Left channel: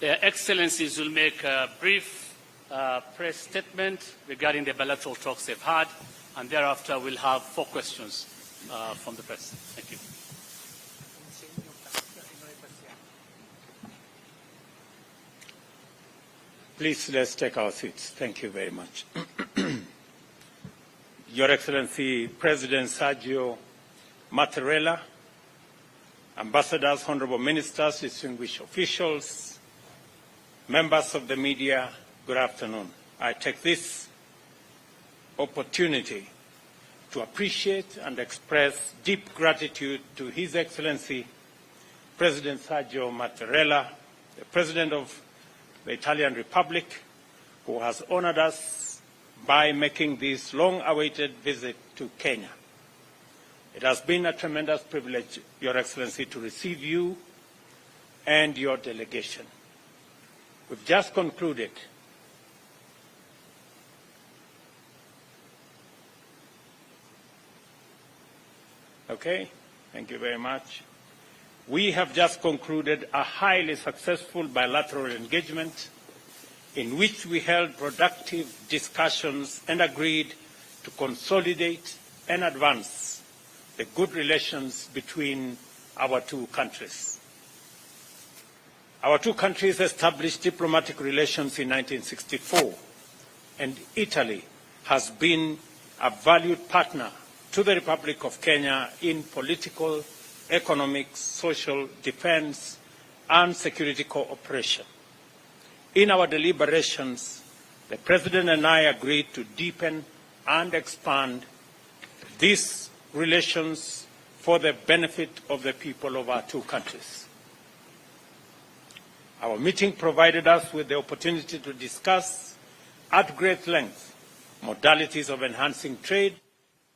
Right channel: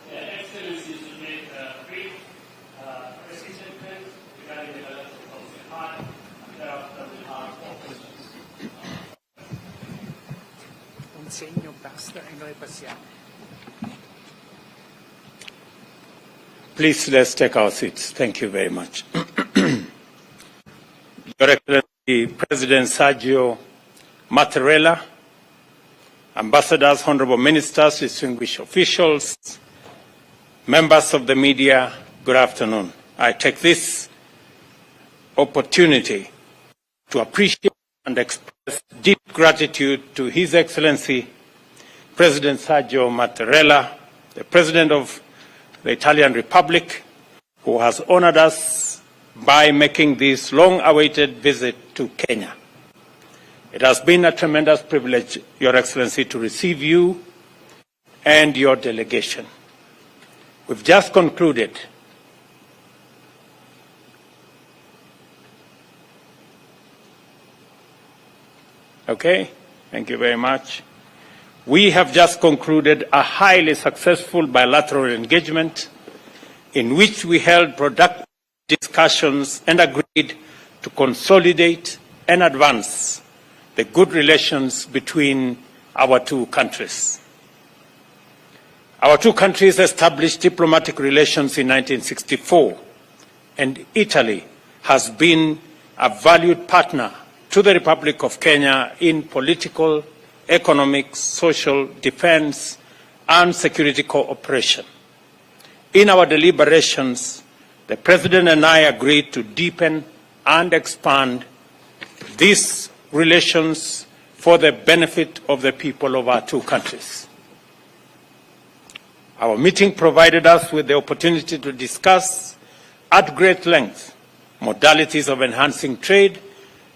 Their Excellencies will make a brief press statement regarding the bilateral talks they've had, and thereafter we'll have 4 questions from the press. Thank you. Please, let's take our seats. Thank you very much. Your Excellency, President Sergio Mattarella, ambassadors, honorable ministers, distinguished officials, members of the media, good afternoon. I take this opportunity to appreciate and express deep gratitude to His Excellency, President Sergio Mattarella, the President of the Italian Republic, who has honored us by making this long-awaited visit to Kenya. It has been a tremendous privilege, Your Excellency, to receive you and your delegation. We've just concluded Okay, thank you very much. We have just concluded a highly successful bilateral engagement in which we held productive discussions and agreed to consolidate and advance the good relations between our 2 countries. Our 2 countries established diplomatic relations in 1964, and Italy has been a valued partner to the Republic of Kenya in political, economic, social, defense, and security cooperation. In our deliberations, the President and I agreed to deepen and expand these relations for the benefit of the people of our 2 countries. Our meeting provided us with the opportunity to discuss at great length modalities of enhancing trade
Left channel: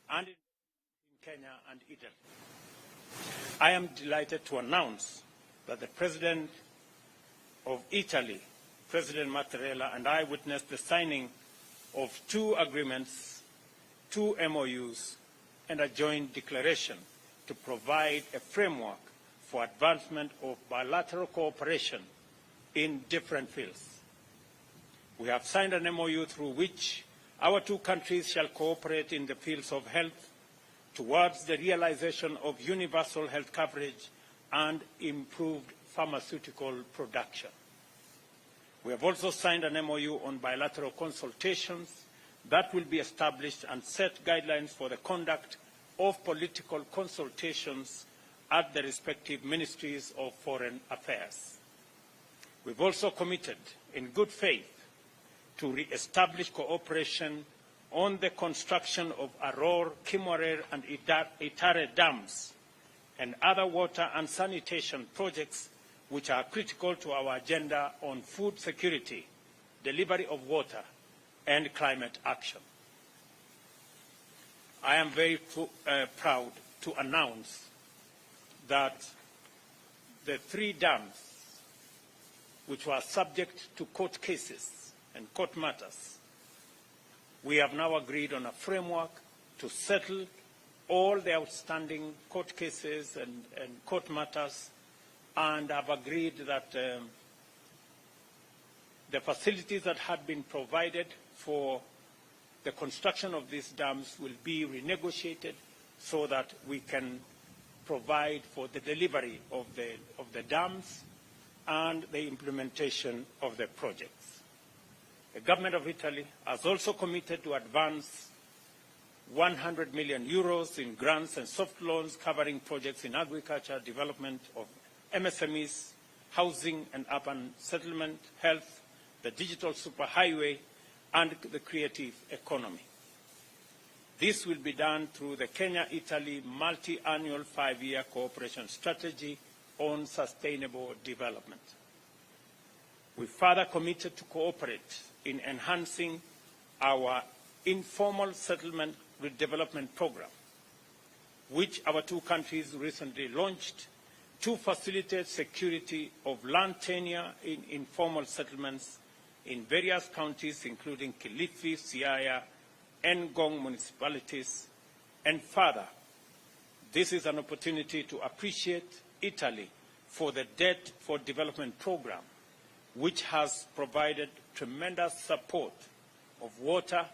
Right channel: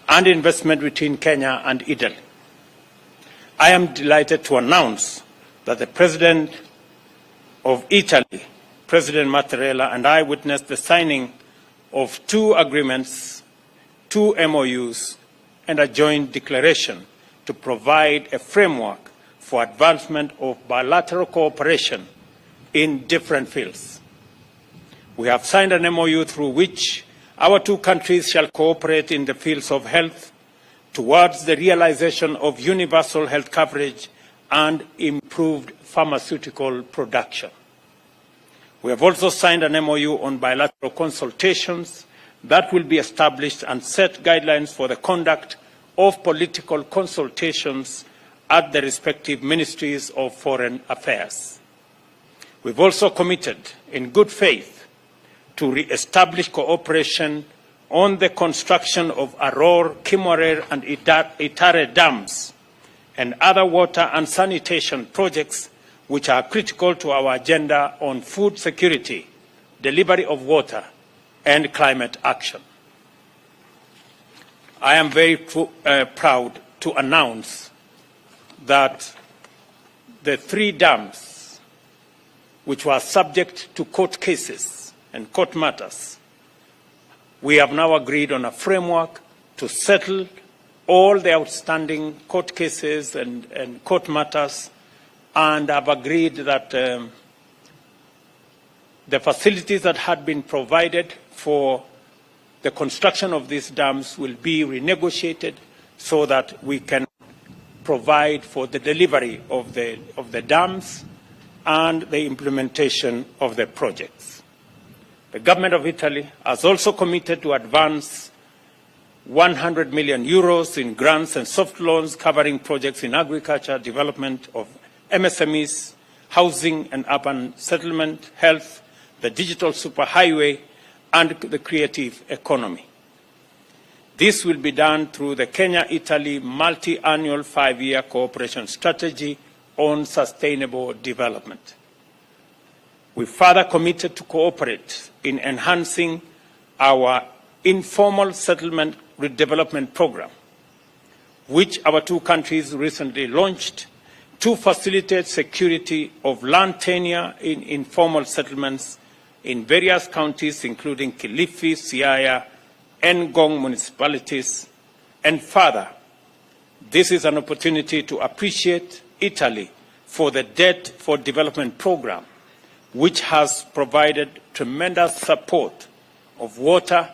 and investment between Kenya and Italy. I am delighted to announce that the President of Italy, President Mattarella, and I witnessed the signing of 2 agreements, 2 MOUs, and a joint declaration to provide a framework for advancement of bilateral cooperation in different fields. We have signed an MOU through which our 2 countries shall cooperate in the fields of health towards the realization of universal health coverage and improved pharmaceutical production. We have also signed an MOU on bilateral consultations that will be established and set guidelines for the conduct of political consultations at the respective ministries of foreign affairs. We've also committed in good faith to re-establish cooperation on the construction of Arror Kimwarer and Itare dams and other water and sanitation projects which are critical to our agenda on food security, delivery of water, and climate action. I am very proud to announce that the 3 dams which were subject to court cases and court matters, we have now agreed on a framework to settle all the outstanding court cases and court matters, and have agreed that the facilities that had been provided for the construction of these dams will be renegotiated so that we can provide for the delivery of the dams and the implementation of the projects. The government of Italy has also committed to advance 100 million euros in grants and soft loans covering projects in agriculture, development of MSMEs, housing and urban settlement, health, the digital superhighway, and the creative economy. This will be done through the Kenya-Italy multi-annual 5-year cooperation strategy on sustainable development. We further committed to cooperate in enhancing our informal settlement redevelopment program, which our 2 countries recently launched to facilitate security of land tenure in informal settlements in various counties, including Kilifi, Siaya, and Ngong municipalities. And further, this is an opportunity to appreciate Italy for the Debt for Development program, which has provided tremendous support of water,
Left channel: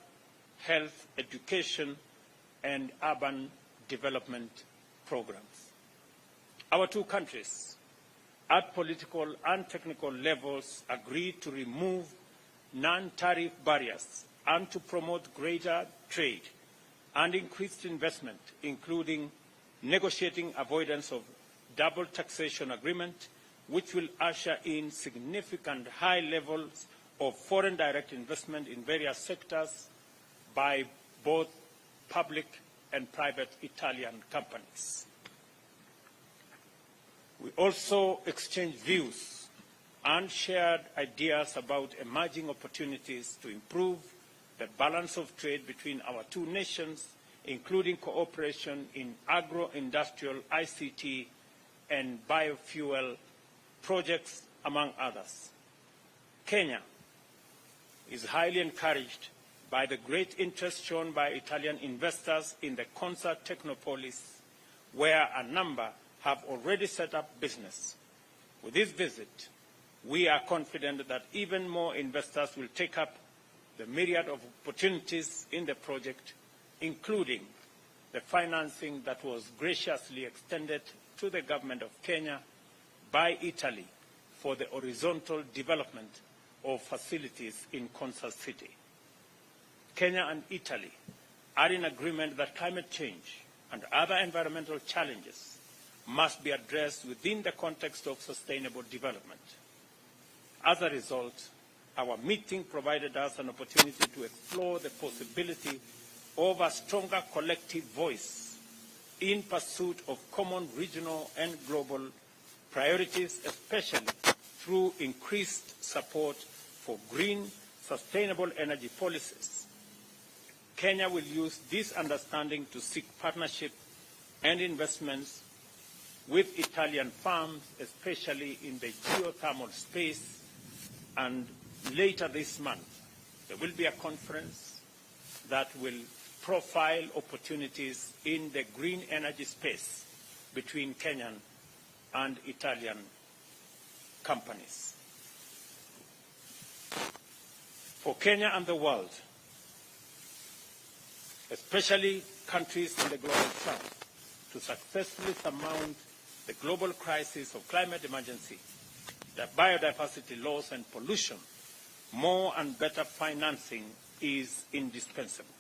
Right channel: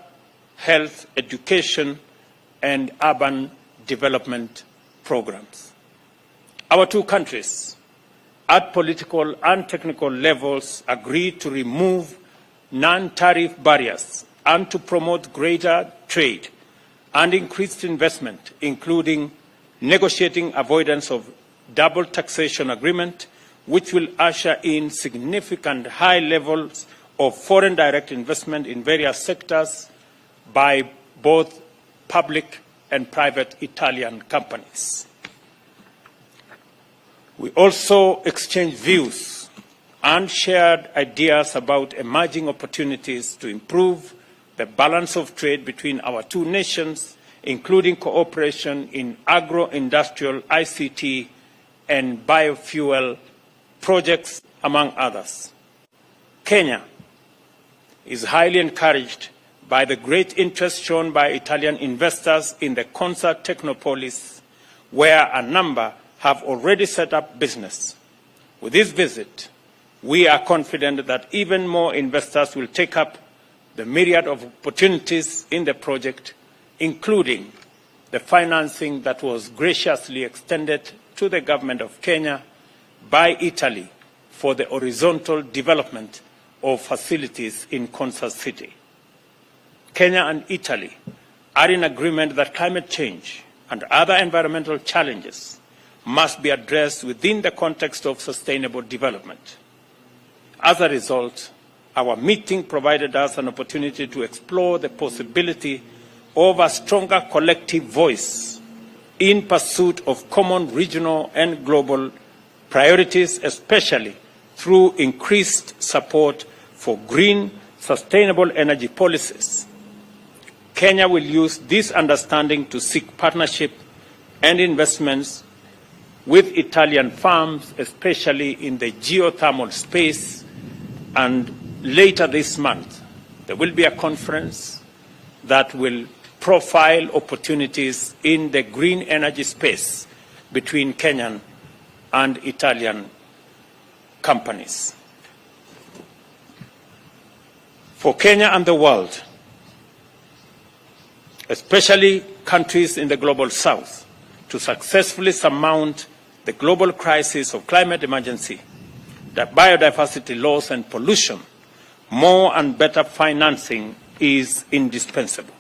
health, education, and urban development programs. Our two countries, at political and technical levels, agreed to remove non-tariff barriers and to promote greater trade and increased investment, including negotiating avoidance of double taxation agreement, which will usher in significant high levels of foreign direct investment in various sectors by both public and private Italian companies. We also exchanged views and shared ideas about emerging opportunities to improve the balance of trade between our two nations, including cooperation in agro-industrial, ICT, and biofuel projects, among others. Kenya is highly encouraged by the great interest shown by Italian investors in the Concert Technopolis, where a number have already set up business. With this visit, we are confident that even more investors will take up the myriad of opportunities in the project, including the financing that was graciously extended to the government of Kenya by Italy for the horizontal development of facilities in Concert City. Kenya and Italy are in agreement that climate change and other environmental challenges must be addressed within the context of sustainable development. As a result, our meeting provided us an opportunity to explore the possibility of a stronger collective voice in pursuit of common regional and global priorities, especially through increased support for green, sustainable energy policies. Kenya will use this understanding to seek partnership and investments with Italian firms, especially in the geothermal space, and later this month, there will be a conference that will profile opportunities in the green energy space between Kenyan and Italian companies. For Kenya and the world, especially countries in the global south, to successfully surmount the global crisis of climate emergency, the biodiversity loss and pollution, more and better financing is indispensable.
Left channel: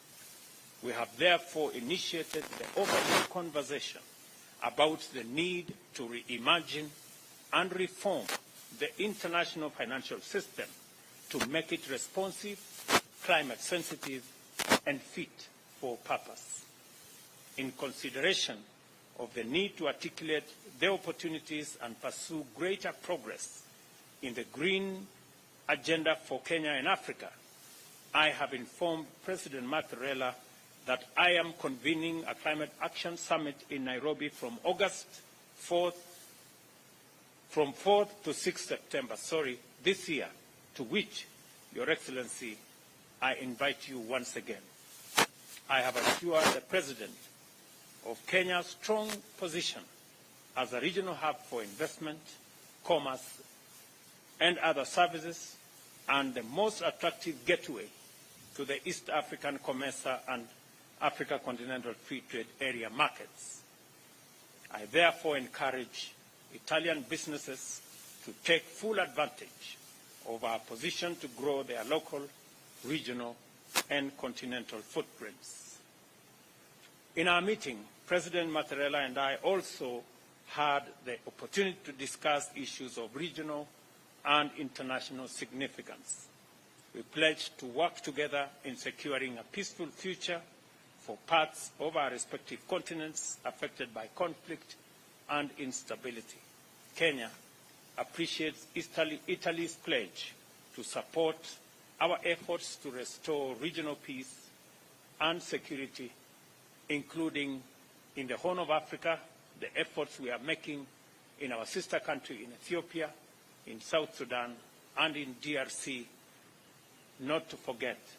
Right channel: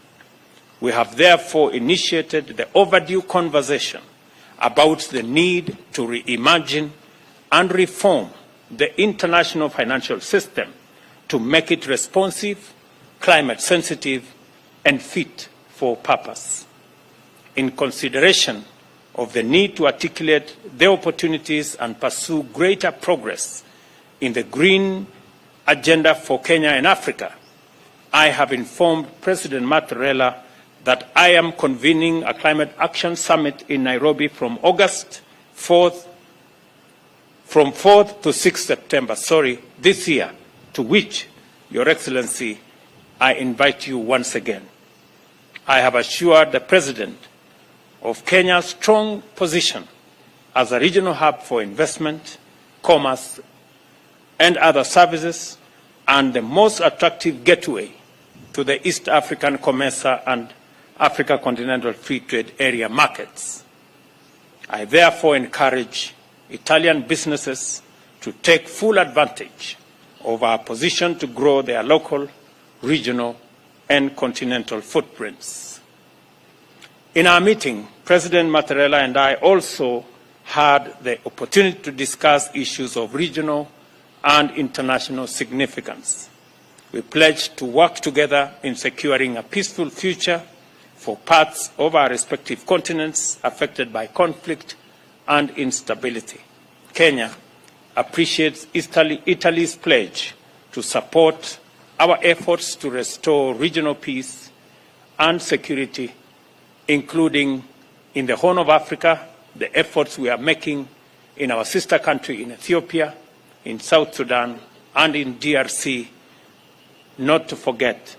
We have therefore initiated the overdue conversation about the need to reimagine and reform the international financial system to make it responsive, climate sensitive, and fit for purpose. In consideration of the need to articulate the opportunities and pursue greater progress in the green agenda for Kenya and Africa, I have informed President Mattarella that I am convening a climate action summit in Nairobi from 4th to 6th September, this year, to which, Your Excellency, I invite you once again. I have assured the President of Kenya's strong position as a regional hub for investment, commerce, and other services, and the most attractive gateway to the East African COMESA and Africa Continental Free Trade Area markets. I therefore encourage Italian businesses to take full advantage of our position to grow their local, regional, and continental footprints. In our meeting, President Mattarella and I also had the opportunity to discuss issues of regional and international significance. We pledged to work together in securing a peaceful future for parts of our respective continents affected by conflict and instability. Kenya appreciates Italy's pledge to support our efforts to restore regional peace and security, including in the Horn of Africa, the efforts we are making in our sister country in Ethiopia, in South Sudan, and in DRC, not to forget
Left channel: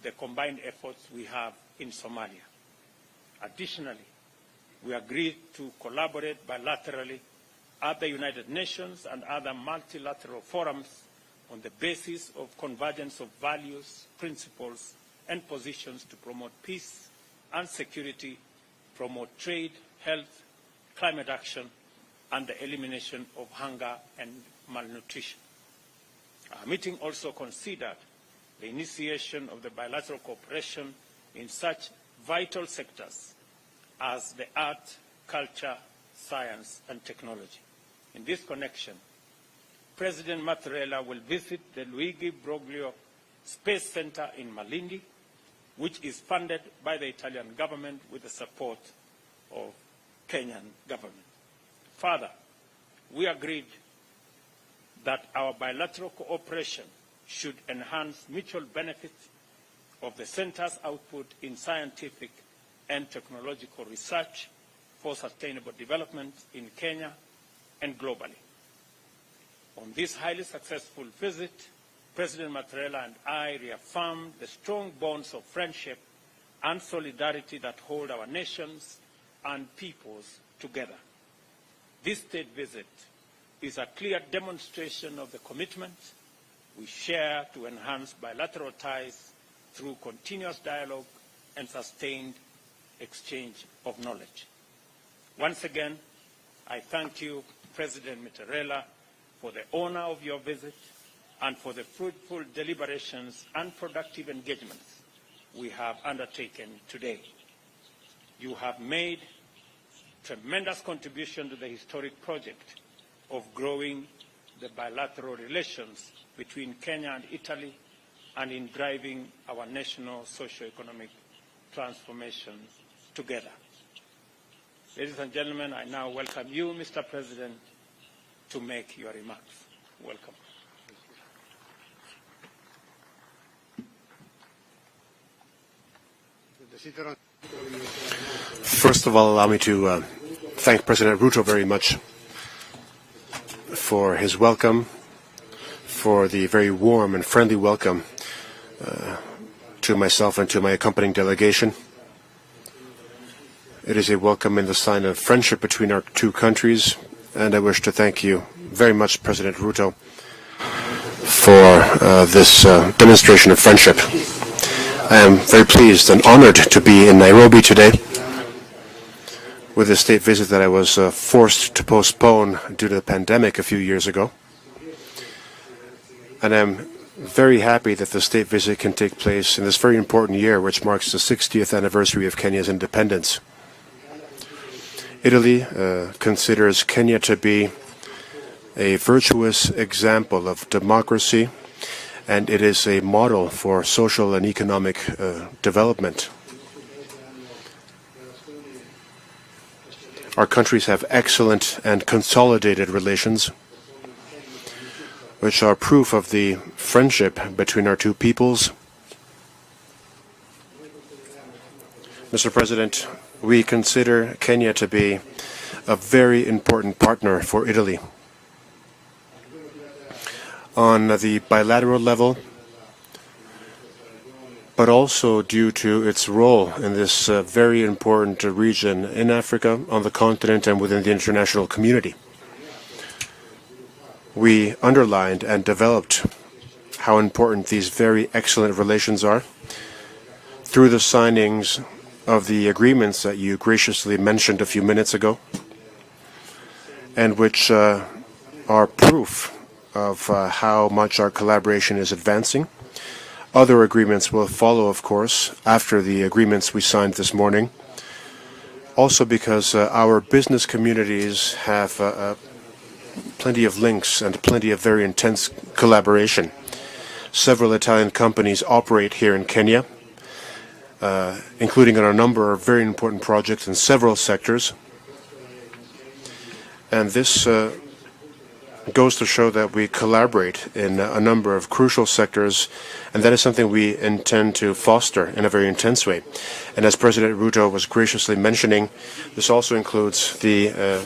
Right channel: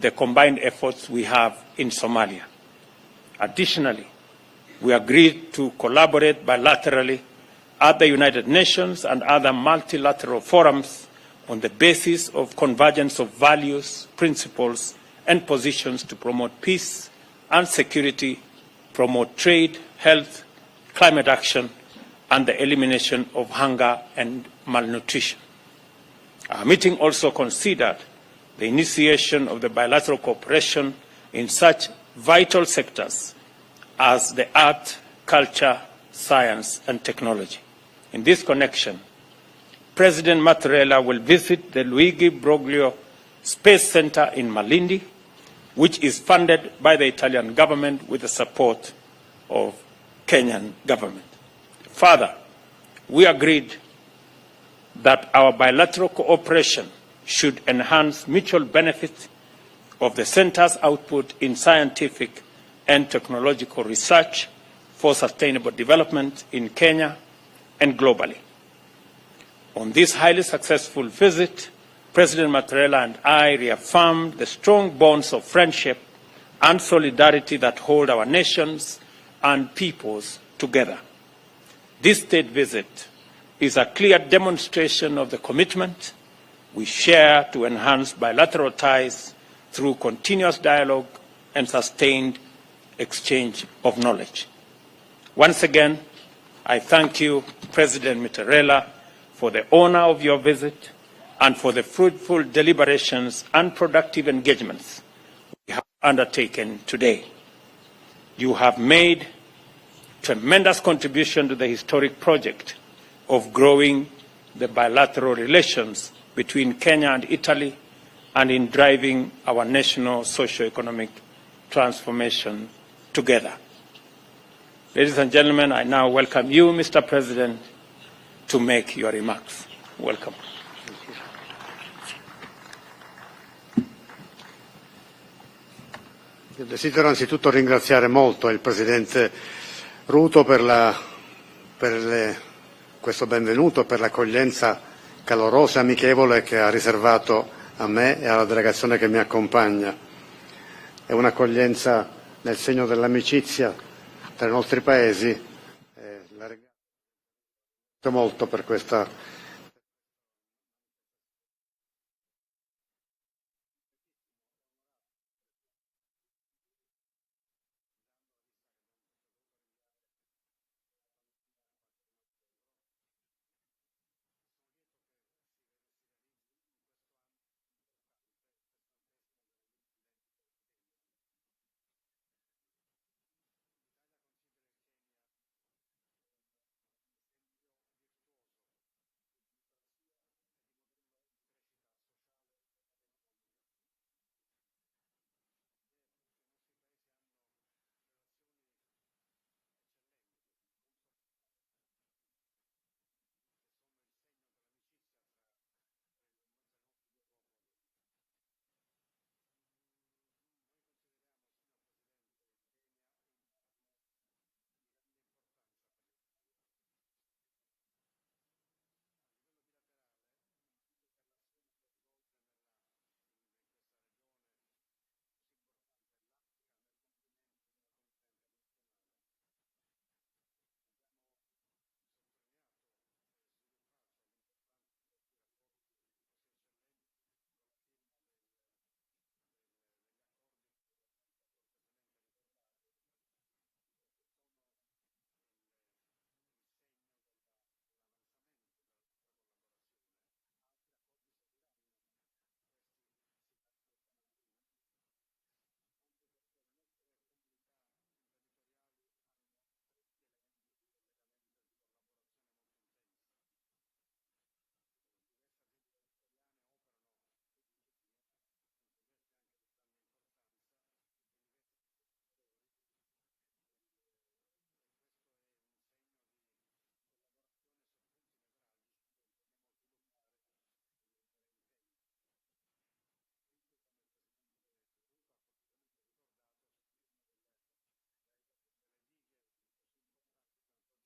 the combined efforts we have in Somalia. Additionally, we agreed to collaborate bilaterally at the United Nations and other multilateral forums on the basis of convergence of values, principles, and positions to promote peace and security, promote trade, health, climate action, and the elimination of hunger and malnutrition. Our meeting also considered the initiation of the bilateral cooperation in such vital sectors as the art, culture, science, and technology. In this connection, President Mattarella will visit the Luigi Broglio Space Center in Malindi, which is funded by the Italian government with the support of Kenyan government. Further, we agreed that our bilateral cooperation should enhance mutual benefit of the center's output in scientific and technological research for sustainable development in Kenya and globally. On this highly successful visit, President Mattarella and I reaffirmed the strong bonds of friendship and solidarity that hold our nations and peoples together. This state visit is a clear demonstration of the commitment we share to enhance bilateral ties through continuous dialogue and sustained exchange of knowledge. Once again, I thank you, President Mattarella, for the honor of your visit and for the fruitful deliberations and productive engagements we have undertaken today. You have made tremendous contribution to the historic project of growing the bilateral relations between Kenya and Italy and in driving our national socio-economic transformation together. Ladies and gentlemen, I now welcome you, Mr. President, to make your remarks. Welcome. Desidero anzitutto ringraziare molto il First of all, allow me to Ruto per thank President Ruto very much questo benvenuto, per for his l'accoglienza welcome, calorosa, amichevole che ha riservato friendly a welcome me e alla delegazione che mi accompagna. to myself and to my accompanying È delegation. un'accoglienza nel segno dell'amicizia It is a tra i welcome in the nostri sign of paesi. friendship between our two countries, and I wish to thank you very much, President Ruto, for this demonstration of friendship. I am very pleased and honored to be in Nairobi today with a state visit that I was forced to postpone due to the pandemic a few years ago. And I'm very happy that the state visit can take place in this very important year, which marks the 60th anniversary of Kenya's independence. Italy considers Kenya to be a virtuous example of democracy, and it is a model for social and economic development. Our countries have excellent and consolidated relations, which are proof of the friendship between our two peoples. Mr. President, we consider Kenya to be a very important partner for Italy. On the bilateral level, but also due to its role in this very important region in Africa, on the continent, and within the international community. We underlined and developed how important these very excellent relations are through the signings of the agreements that you graciously mentioned a few minutes ago, and which are proof of how much our collaboration is advancing. Other agreements will follow, of course, after the agreements we signed this morning, also because our business communities have plenty of links and plenty of very intense collaboration. Several Italian companies operate here in Kenya, including on a number of very important projects in several sectors. And this goes to show that we collaborate in a number of crucial sectors, and that is something we intend to foster in a very intense way. And as President Ruto was graciously mentioning, this also includes the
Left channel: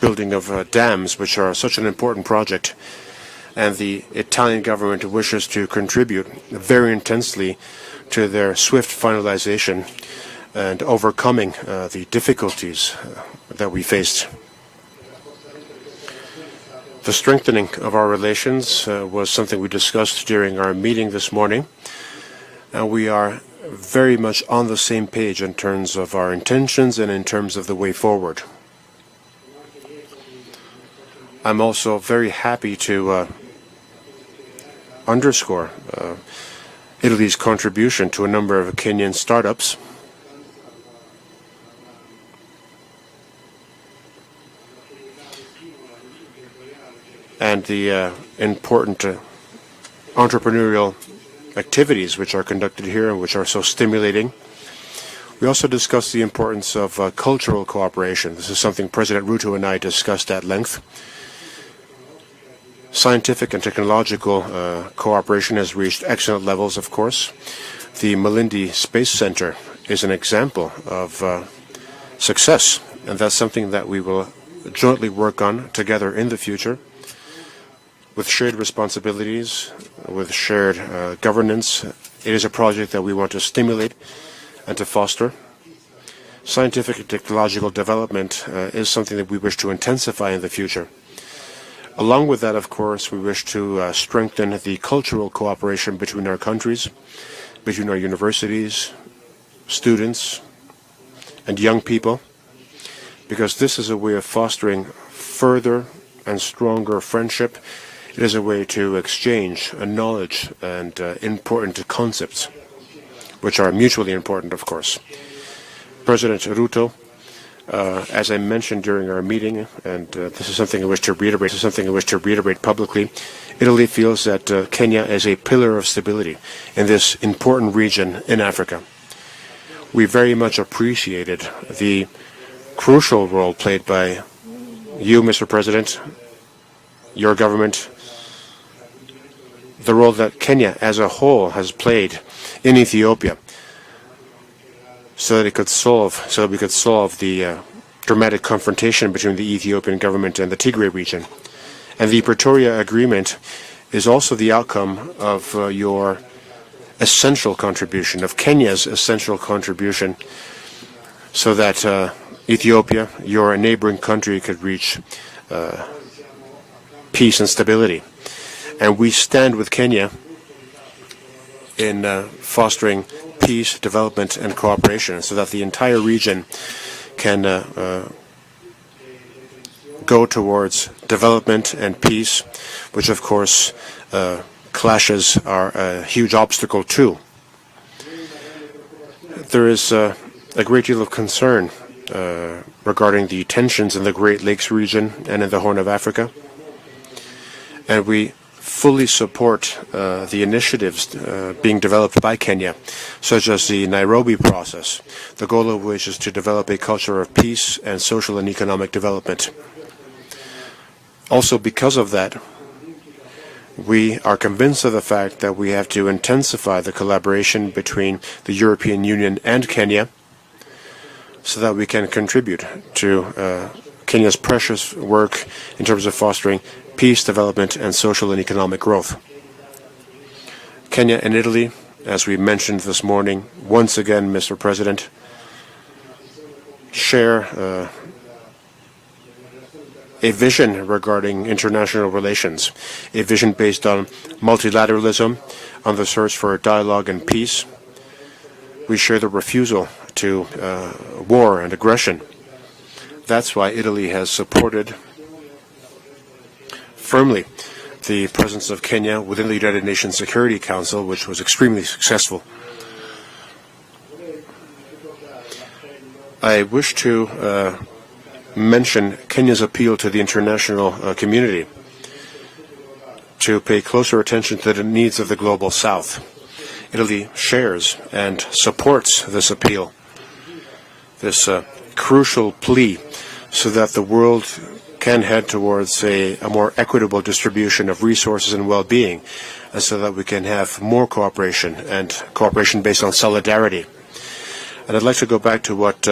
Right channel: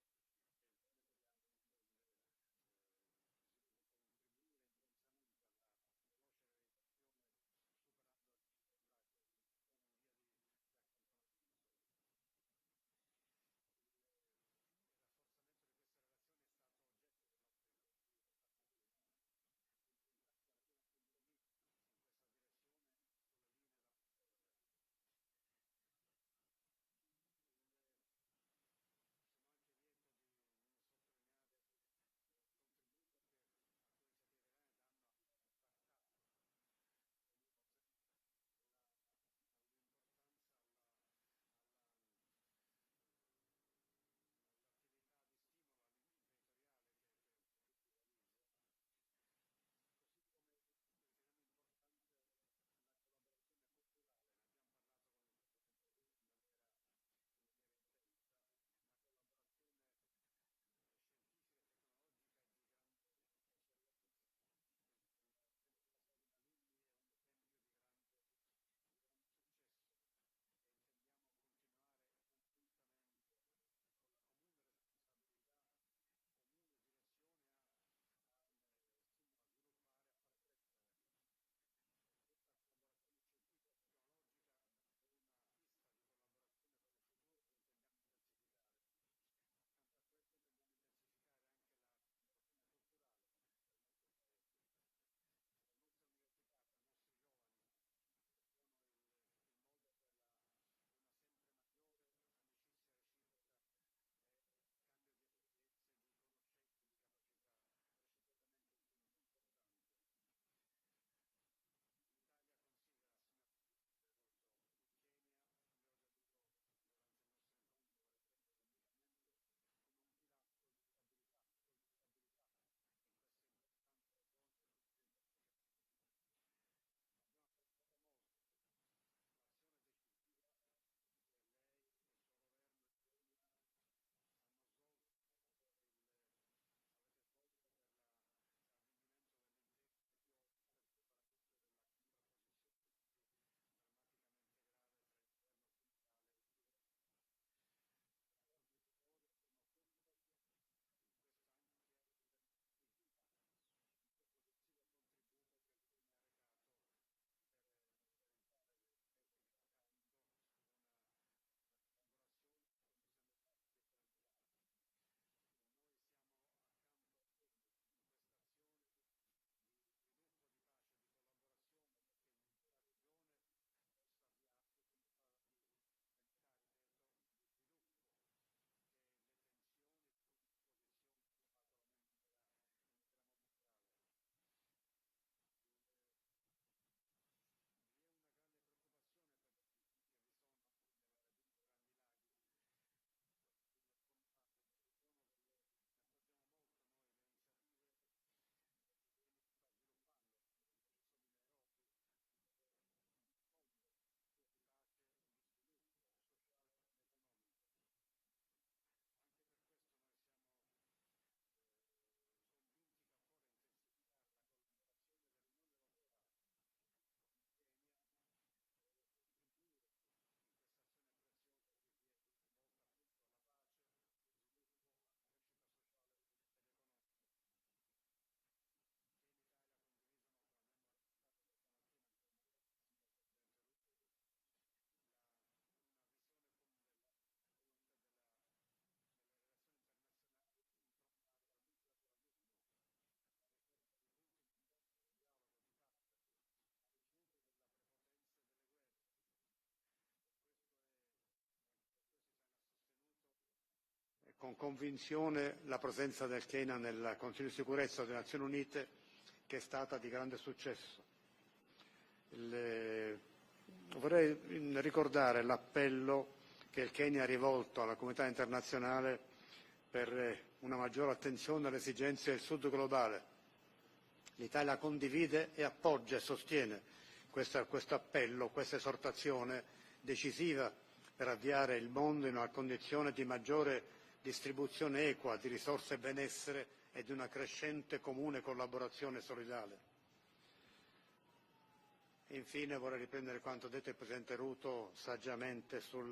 building of dams, which are such an important project, and the Italian government wishes to contribute very intensely to their swift finalization and overcoming the difficulties that we faced. The strengthening of our relations was something we discussed during our meeting this morning, and we are very much on the same page in terms of our intentions and in terms of the way forward. I'm also very happy to underscore Italy's contribution to a number of Kenyan startups. And the important entrepreneurial activities which are conducted here and which are so stimulating. We also discussed the importance of cultural cooperation. This is something President Ruto and I discussed at length. Scientific and technological cooperation has reached excellent levels, of course. The Malindi Space Center is an example of success, and that's something that we will jointly work on together in the future, with shared responsibilities, with shared governance. It is a project that we want to stimulate and to foster. Scientific and technological development is something that we wish to intensify in the future. Along with that, of course, we wish to strengthen the cultural cooperation between our countries, between our universities, students, and young people, because this is a way of fostering further and stronger friendship. It is a way to exchange knowledge and important concepts, which are mutually important, of course. President Ruto, as I mentioned during our meeting, and this is something I wish to reiterate publicly, Italy feels that Kenya is a pillar of stability in this important region in Africa. We very much appreciated the crucial role played by you, Mr. President, your government, the role that Kenya as a whole has played in Ethiopia, so that we could solve the dramatic confrontation between the Ethiopian government and the Tigray region. And the Pretoria Agreement is also the outcome of your essential contribution, of Kenya's essential contribution, so that Ethiopia, your neighboring country, could reach peace and stability. And we stand with Kenya in fostering peace, development, and cooperation, so that the entire region can go towards development and peace, which of course clashes are a huge obstacle too. There is a great deal of concern regarding the tensions in the Great Lakes region and in the Horn of Africa, and we fully support the initiatives being developed by Kenya, such as the Nairobi process, the goal of which is to develop a culture of peace and social and economic development. Also, because of that, we are convinced of the fact that we have to intensify the collaboration between the European Union and Kenya, so that we can contribute to Kenya's precious work in terms of fostering peace, development, and social and economic growth. Kenya and Italy, as we mentioned this morning, once again, Mr. President, share a vision regarding international relations, a vision based on multilateralism, on the search for dialogue and peace. We share the refusal to war and aggression. That's why Italy has supported firmly the presence of Kenya within the United Nations Security Council, which was extremely successful. I wish to mention Kenya's appeal to the international community to pay closer attention to the needs of the global South. Italy shares and supports this appeal, this crucial plea, so that the world can head towards a more equitable distribution of resources and well-being, and so that we can have more cooperation, and cooperation based on solidarity. And I'd like to go back to what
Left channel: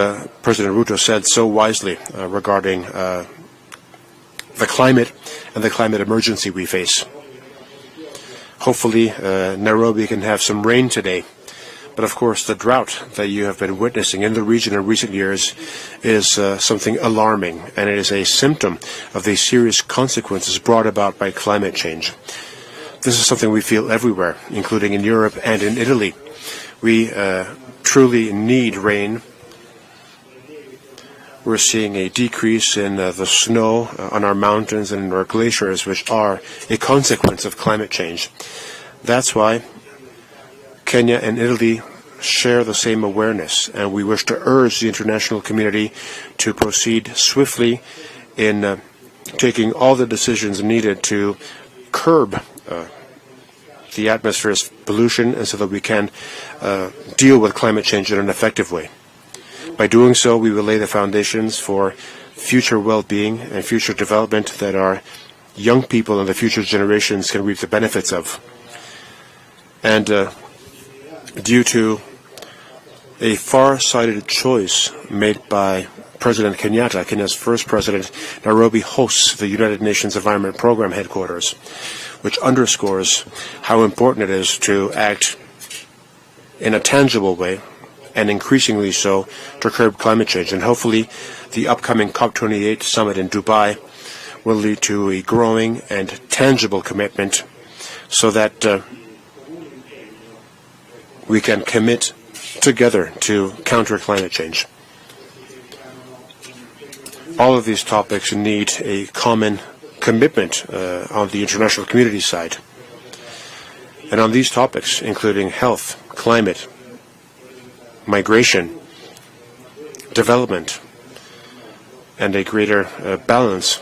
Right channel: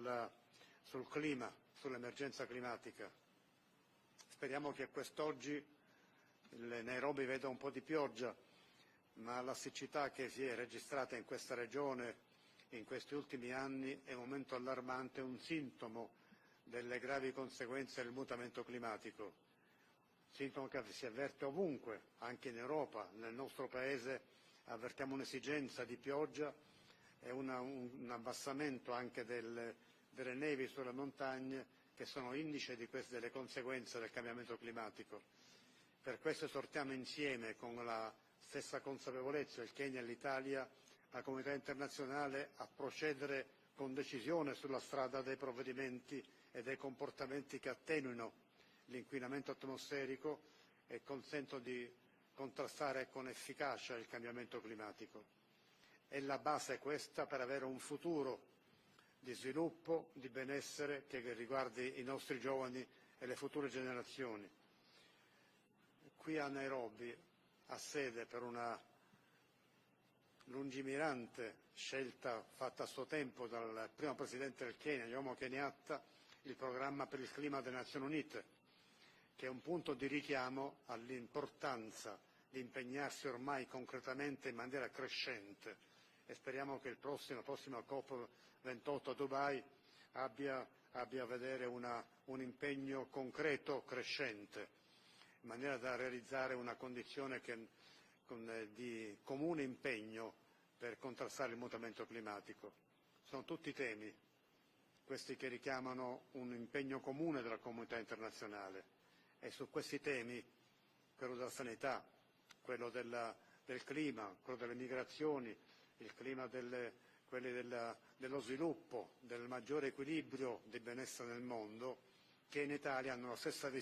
President Ruto said so wisely regarding the climate and the climate emergency we face. Hopefully, Nairobi can have some rain today, But of course, the drought that you have been witnessing in the region in recent years is something alarming, and it is a symptom of the serious consequences brought about by climate change. This is something we feel everywhere, including in Europe and in Italy. We truly need rain. We're seeing a decrease in the snow on our mountains and in our glaciers, which are a consequence of climate change. That's why Kenya and Italy share the same awareness, and we wish to urge the international community to proceed swiftly in taking all the decisions needed to curb the atmosphere's pollution, and so that we can deal with climate change in an effective way. By doing so, we will lay the foundations for future well-being and future development that our young people and the future generations can reap the benefits of. And due to a far-sighted choice made by President Kenyatta, Kenya's first president, Nairobi hosts the United Nations Environment Program headquarters, which underscores how important it is to act in a tangible way, and increasingly so, to curb climate change. And hopefully the upcoming COP28 summit in Dubai will lead to a growing and tangible commitment so that we can commit together to counter climate change. All of these topics need a common commitment on the international community side. And on these topics, including health, climate, migration, development, and a greater balance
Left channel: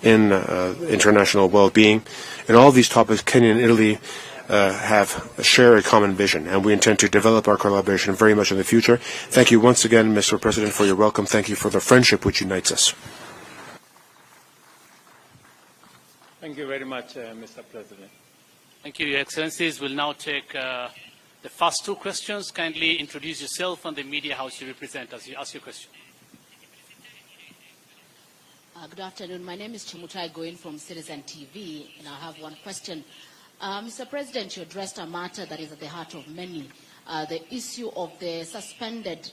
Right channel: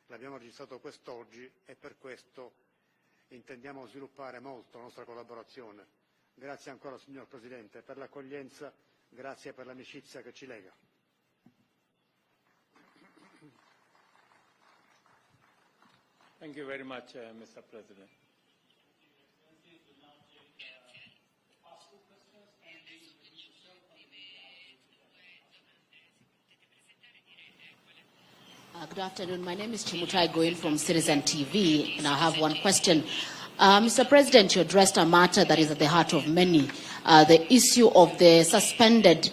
in international well-being, and all these topics, Kenya and Italy share a common vision, and we intend to develop our collaboration very much in the future. Thank you once again, Mr. President, for your welcome. Thank you for the friendship which unites us. Thank you very much, Mr. President. Thank you, Your Excellencies. We'll now take the first two questions. Kindly introduce yourself and the media house you represent as you ask your question. Good afternoon. My name is Chimutai Goin from Citizen TV, and I have one question. Mr. President, you addressed a matter that is at the heart of many, the issue of the suspended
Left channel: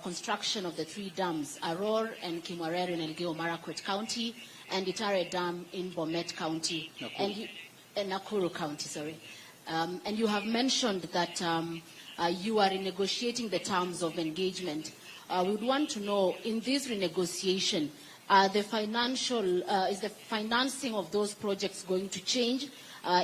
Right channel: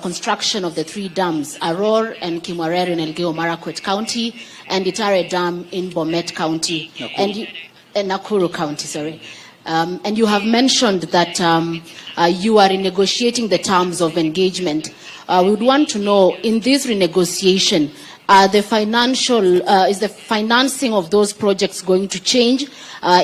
construction of the three dams, Arror and Kimwarer in Elgeyo Marakwet County, and Itare Dam in Bomet County, Nakuru County, sorry. And you have mentioned that you are renegotiating the terms of engagement. We would want to know, in this renegotiation, is the financing of those projects going to change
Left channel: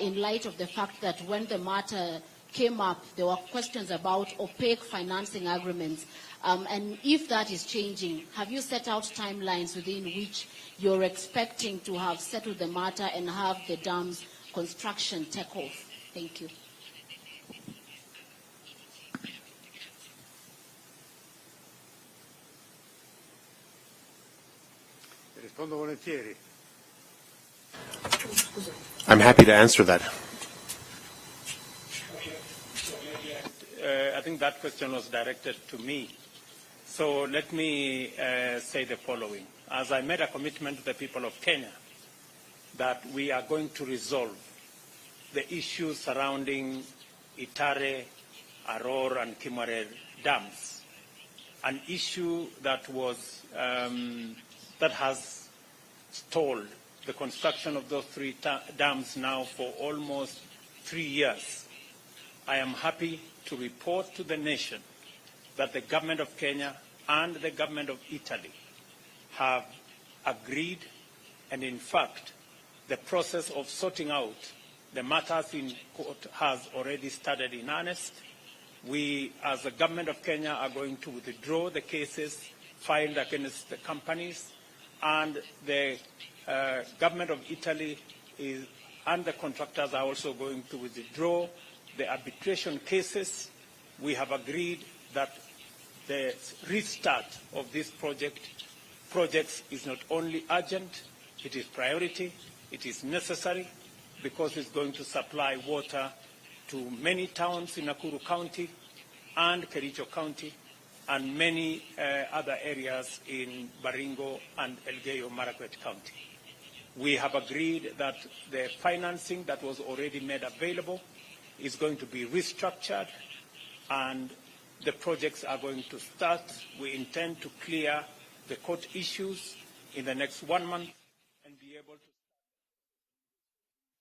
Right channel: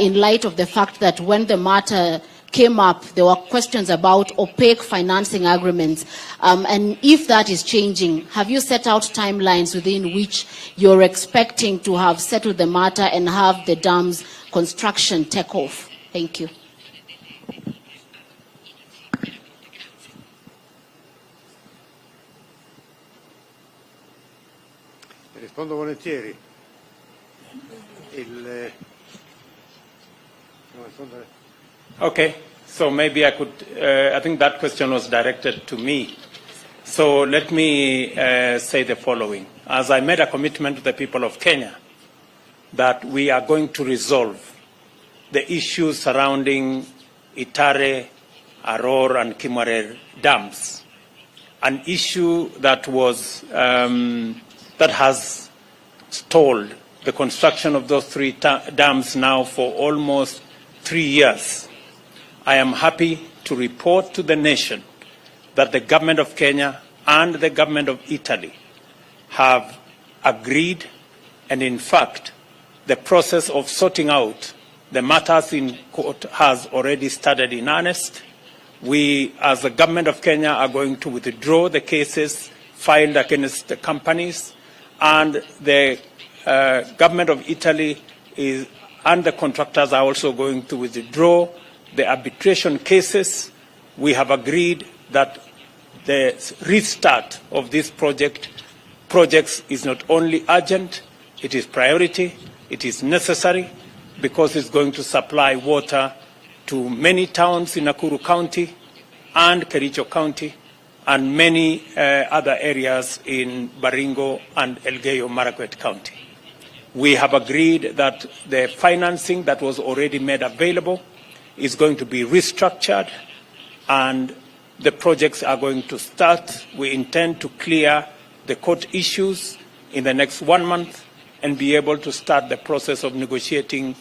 in light of the fact that when the matter came up, there were questions about opaque financing agreements. And if that is changing, have you set out timelines within which you're expecting to have settled the matter and have the dam's construction take off? Thank you. I'm happy to answer that. Okay, so maybe I could, I think that question was directed to me. So let me say the following. As I made a commitment to the people of Kenya that we are going to resolve the issues surrounding Itare, Arror, and Kimwarer dams, an issue that was that has stalled the construction of those three dams now for almost 3 years. I am happy to report to the nation that the government of Kenya and the government of Italy have agreed, and in fact, the process of sorting out the matters in court has already started in earnest. We, as the government of Kenya, are going to withdraw the cases filed against the companies, and the government of Italy and the contractors are also going to withdraw the arbitration cases. We have agreed that the restart of this projects is not only urgent, it is priority, it is necessary, because it's going to supply water to many towns in Nakuru County and Kericho County and many other areas in Baringo and Elgeyo Marakwet County. We have agreed that the financing that was already made available is going to be restructured and the projects are going to start. We intend to clear the court issues in the next 1 month and be able to start the process of negotiating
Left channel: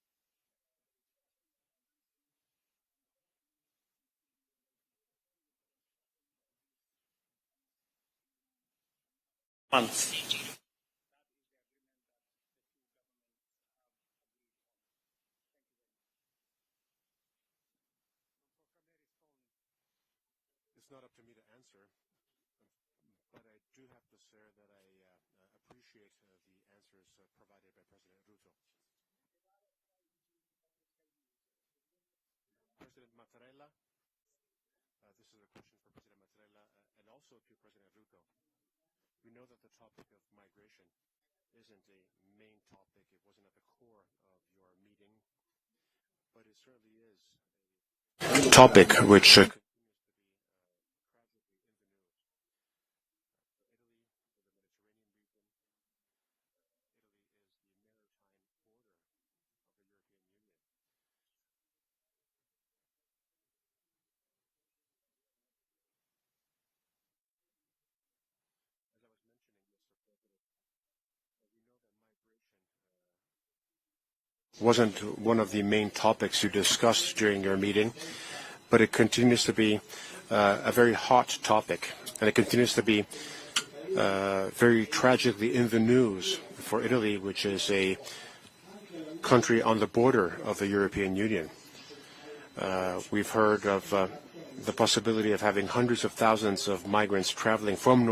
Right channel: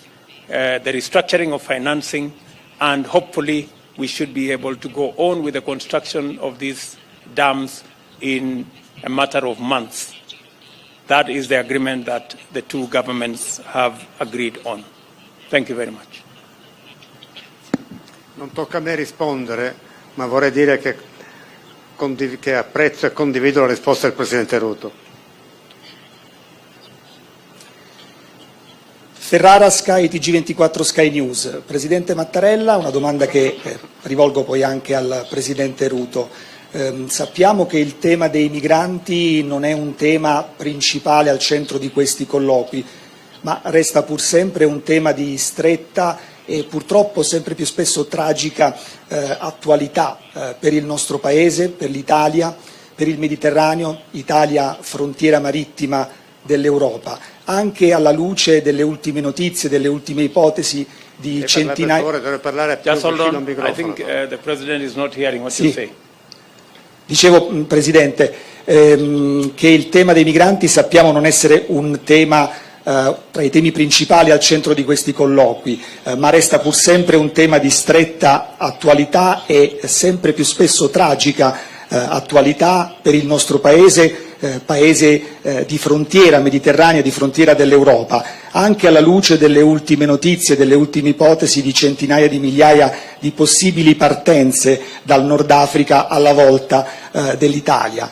the restructuring of financing, and hopefully we should be able to go on with the construction of these dams in a matter of months. That is the agreement that the two governments have agreed on. Thank you very much. Non tocca a me rispondere, ma vorrei dire che apprezzo e condivido la risposta del Presidente Ruto. Ferrara, Sky, TG24 Sky News. Presidente Mattarella, una domanda che rivolgo poi anche al Presidente Ruto. Sappiamo che il tema dei migranti non è un tema principale al centro di questi colloqui, ma resta pur sempre un tema di stretta e purtroppo sempre più spesso tragica attualità per il nostro Paese, per l'Italia, per il Mediterraneo, Italia frontiera marittima dell'Europa, anche alla luce delle ultime notizie, delle ultime ipotesi di centinaia... Just hold on. I think the President is not hearing what you say. Dicevo, Presidente, che il tema dei migranti sappiamo non essere un tema tra i temi principali al centro di questi colloqui, ma resta pur sempre un tema di stretta attualità e sempre più spesso tragica attualità per il nostro Paese, Paese di frontiera mediterranea, di frontiera dell'Europa, anche alla luce delle ultime notizie, delle ultime ipotesi di centinaia di migliaia di possibili partenze dal Nord Africa alla volta dell'Italia.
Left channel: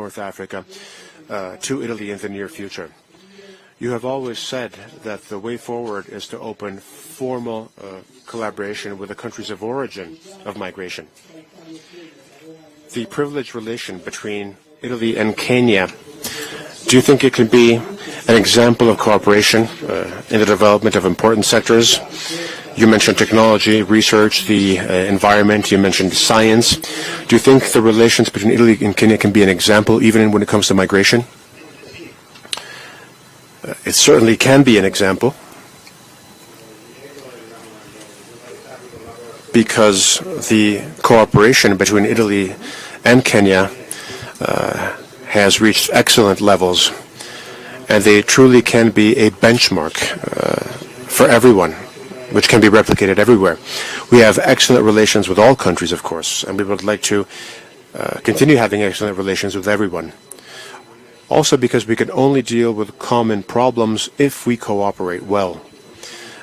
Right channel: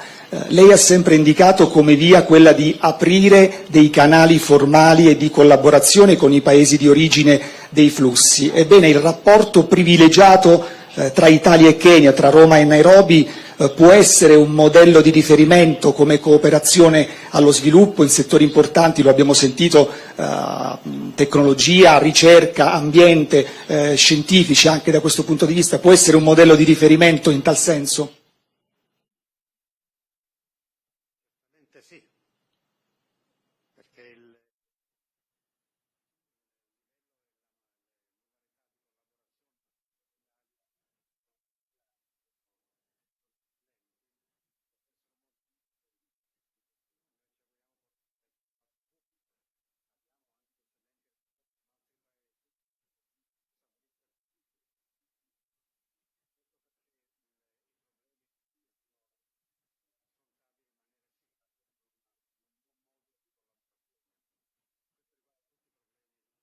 Lei ha sempre indicato come via quella di aprire dei canali formali e di collaborazione con i paesi di origine dei flussi. Ebbene, il rapporto privilegiato tra Italia e Kenya, tra Roma e Nairobi, può essere un modello di riferimento come cooperazione allo sviluppo in settori importanti, lo abbiamo sentito, in the development of important sectors. Ricerca, You mentioned technology, research, the environment, you mentioned science. Do you think the relations between Italy and Kenya can be an example even when it comes to migration? It certainly can be an example, because the cooperation between Italy and Kenya has reached excellent levels, and they truly can be a benchmark for everyone, which can be replicated everywhere. We have excellent relations with all countries, of course, and we would like to continue having excellent relations with everyone. Also because we can only deal with common problems if we cooperate well.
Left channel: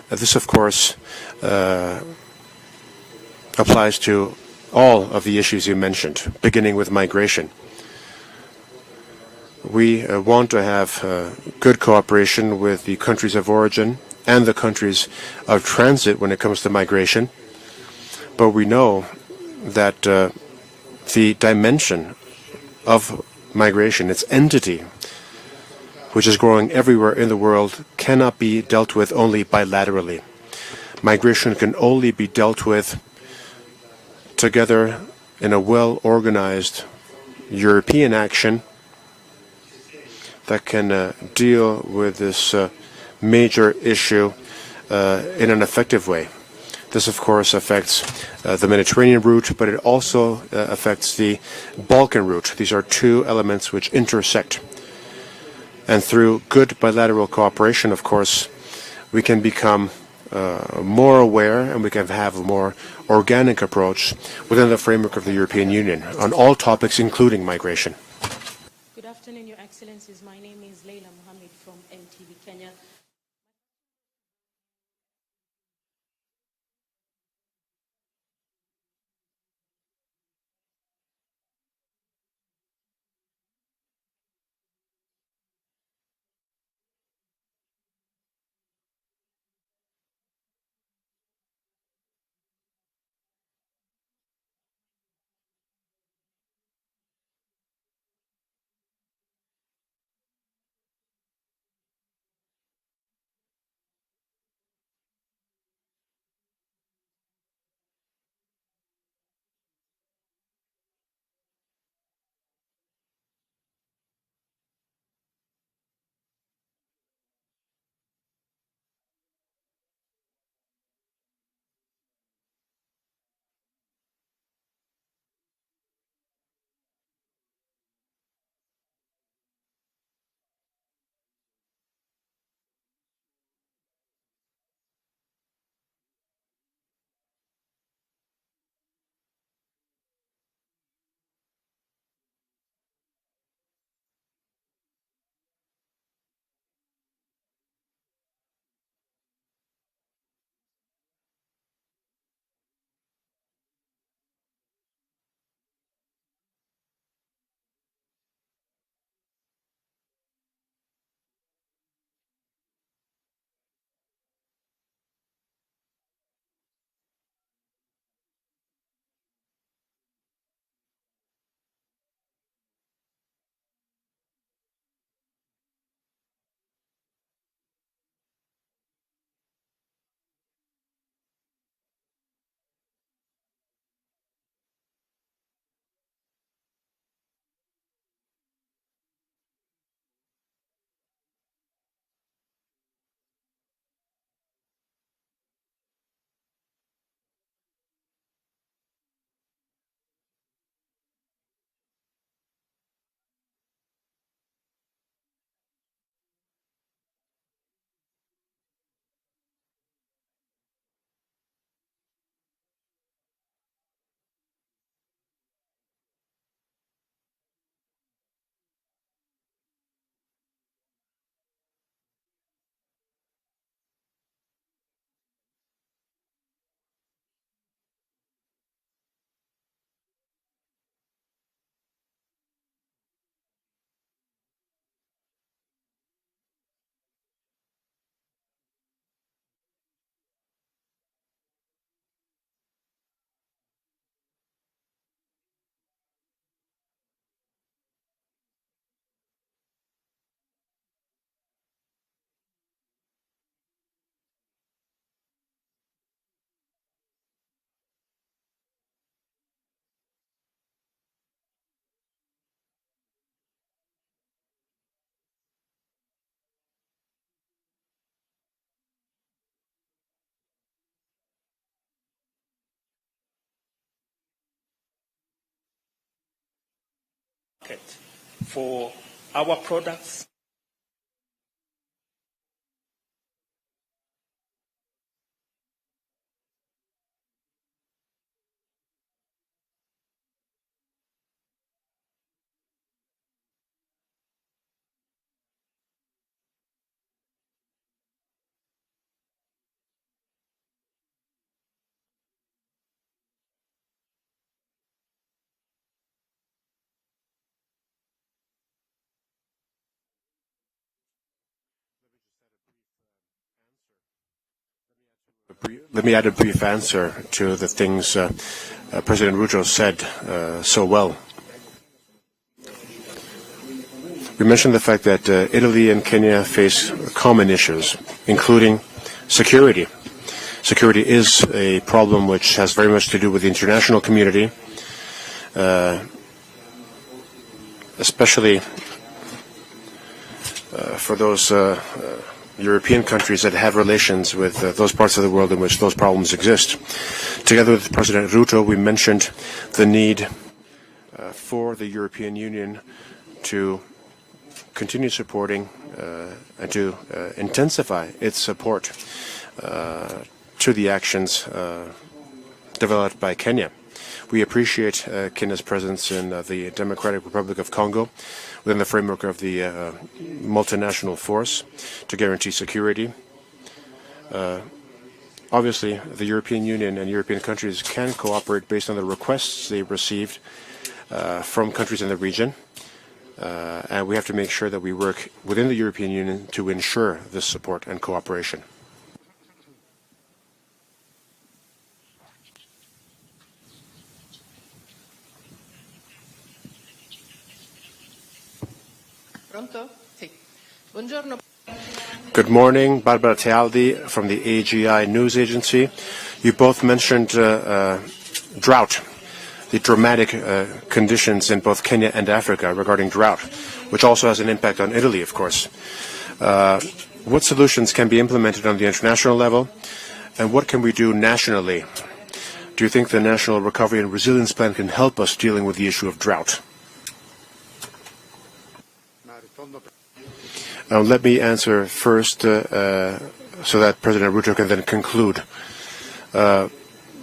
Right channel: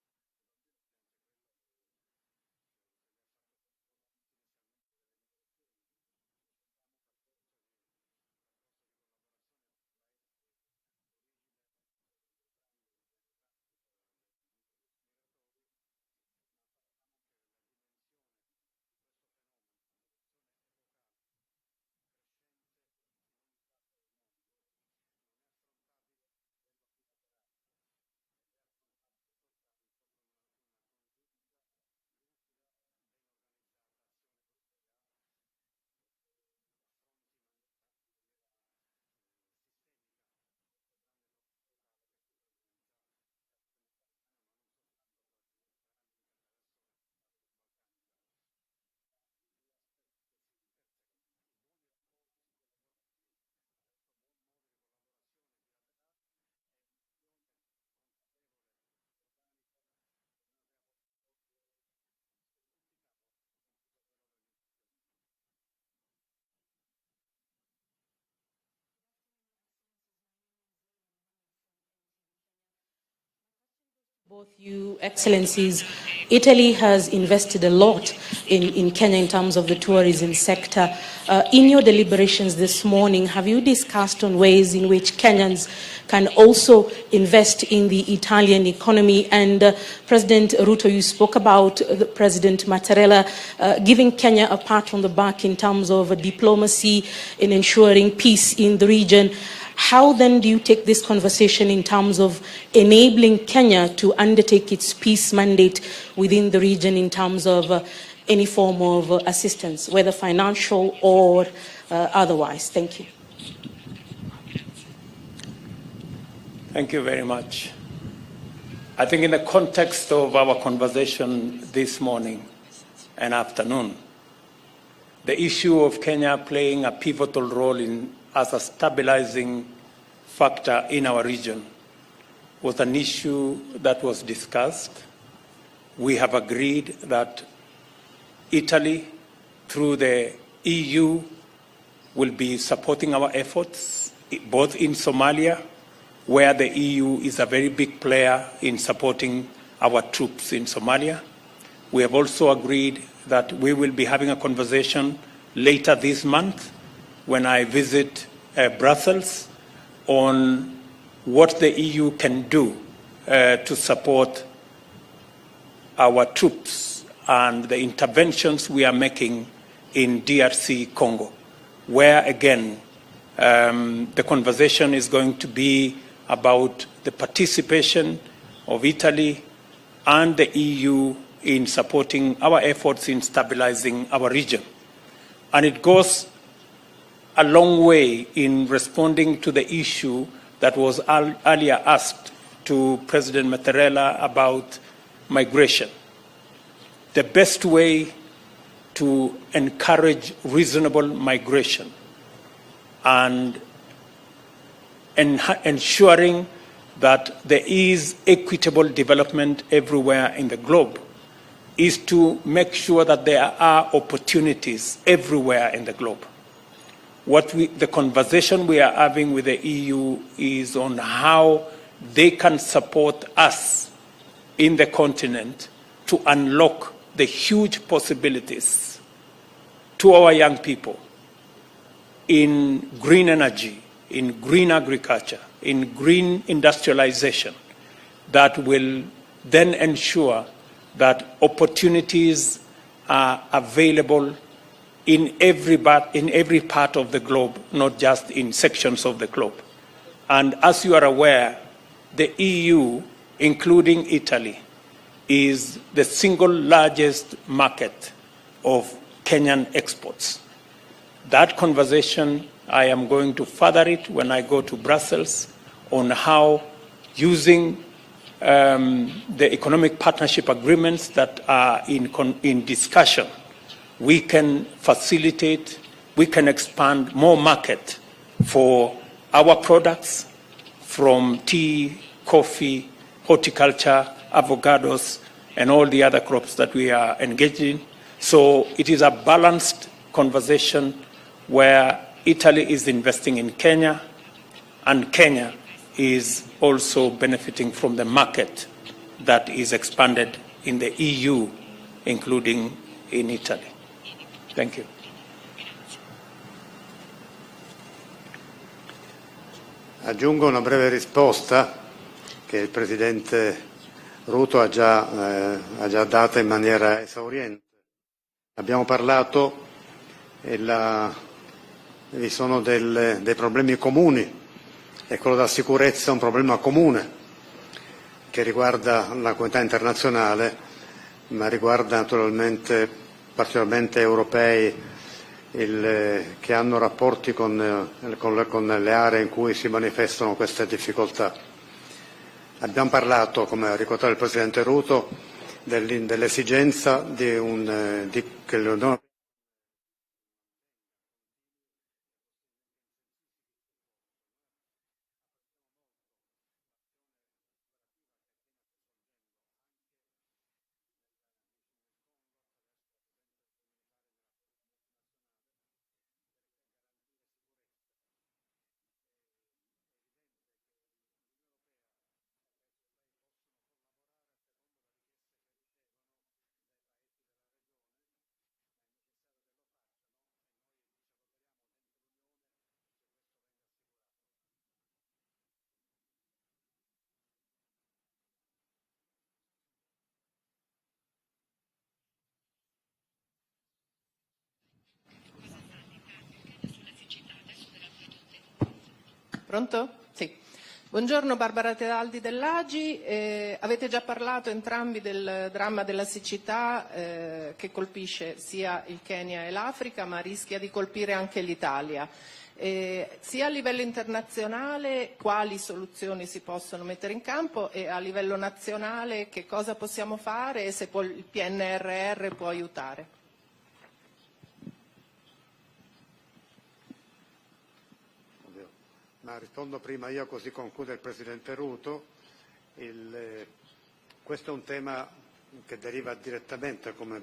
This, of course, applies to all of the issues you mentioned, beginning with migration. We want to have good cooperation with the countries of origin and the countries of transit when it comes to migration, but we know that the dimension of migration, its entity, which is growing everywhere in the world, cannot be dealt with only bilaterally. Migration can only be dealt with together in a well-organized European action that can deal with this major issue in an effective way. This, of course, affects the Mediterranean route, but it also affects the Balkan route. These are two elements which intersect. And through good bilateral cooperation, of course, we can become more aware and we can have a more organic approach within the framework of the European Union on all topics, including migration. Good afternoon, Your Excellencies. My name is Leila Mohammed from MTV Kenya. Both you Excellencies, Italy has invested a lot in Kenya in terms of the tourism sector. In your deliberations this morning, have you discussed on ways in which Kenyans can also invest in the Italian economy? And President Ruto, you spoke about President Mattarella giving Kenya a pat on the back in terms of diplomacy in ensuring peace in the region. How then do you take this conversation in terms of enabling Kenya to undertake its peace mandate within the region in terms of any form of assistance, whether financial or otherwise? Thank you. Thank you very much. I think in the context of our conversation this morning and afternoon, the issue of Kenya playing a pivotal role as a stabilizing factor in our region was an issue that was discussed. We have agreed that Italy, through the EU, will be supporting our efforts, both in Somalia, where the EU is a very big player in supporting our troops in Somalia. We have also agreed that we will be having a conversation later this month when I visit Brussels on what the EU can do to support our troops and the interventions we are making in DRC Congo, where again the conversation is going to be about the participation of Italy and the EU in supporting our efforts in stabilizing our region. And it goes a long way in responding to the issue that was earlier asked to President Mattarella about migration. The best way to encourage reasonable migration and ensuring that there is equitable development everywhere in the globe is to make sure that there are opportunities everywhere in the globe. The conversation we are having with the EU is on how they can support us in the continent to unlock the huge possibilities to our young people in green energy, in green agriculture, in green industrialization that will then ensure that opportunities are available in every part of the globe, not just in sections of the globe. And as you are aware, the EU, including Italy, is the single largest market of Kenyan exports. That conversation, I am going to further it when I go to Brussels on how using the economic partnership agreements that are in discussion, we can facilitate, we can expand more market for our products from tea, coffee, horticulture, avocados, and all the other crops that we are engaged in. So it is a balanced conversation where Italy is investing in Kenya, and Kenya is also benefiting from the market that is expanded in the EU, including in Italy. Thank you. Aggiungo una breve risposta che il Presidente Ruto ha già dato in maniera to the things President Ruto said so well. Vi sono dei problemi comuni. We mentioned the fact that Italy and Kenya face common issues, including security. Security is a problem which has very much to do with the international community, especially for those European countries that have relations with those parts of the world in which those problems exist. Together with President Ruto, we mentioned the need for the European Union to continue supporting and to intensify its support to the actions developed by Kenya. We appreciate Kenya's presence in the Democratic Republic of Congo within the framework of the multinational force to guarantee security. Obviously, the European Union and European countries can cooperate based on the requests they received from countries in the region, and we have to make sure that we work within the European Union to ensure this support and cooperation. Pronto? Sì. Buongiorno, Barbara Tealdi. Good morning, Barbara Tealdi from the AGI News Agency. You both mentioned drought, the dramatic conditions in both Kenya and Africa regarding drought, which also has an impact on Italy, of course. What solutions can be implemented on the international level, and what can we do nationally? Do you think the National Recovery and Resilience Plan can help us dealing with the issue of drought? Now, let me answer first so that President Ruto can then conclude. The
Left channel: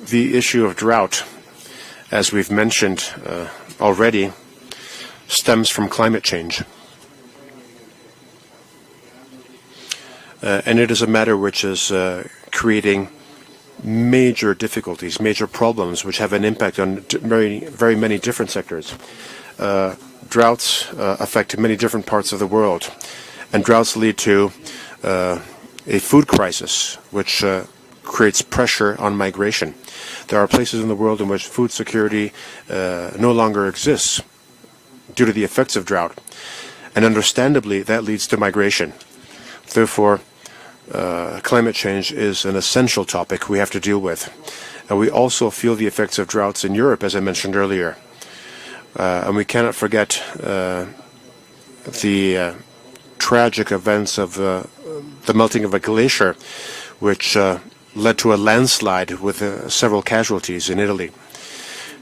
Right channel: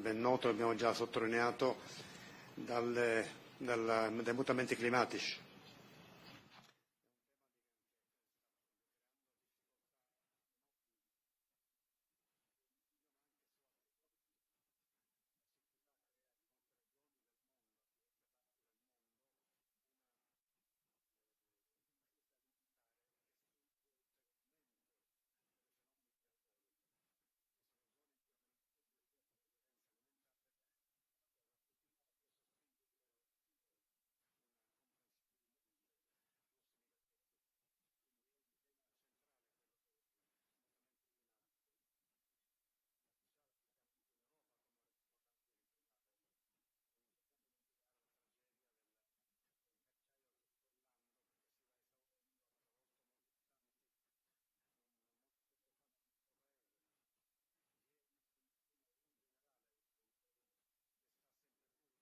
issue of drought, as we've mentioned already, stems from climate change. And it is a matter which is creating major difficulties, major problems, which have an impact on very many different sectors. Droughts affect many different parts of the world, and droughts lead to a food crisis, which creates pressure on migration. There are places in the world in which food security no longer exists due to the effects of drought, and understandably that leads to migration. Therefore, climate change is an essential topic we have to deal with. And we also feel the effects of droughts in Europe, as I mentioned earlier. And we cannot forget the tragic events of the melting of a glacier, which led to a landslide with several casualties in Italy.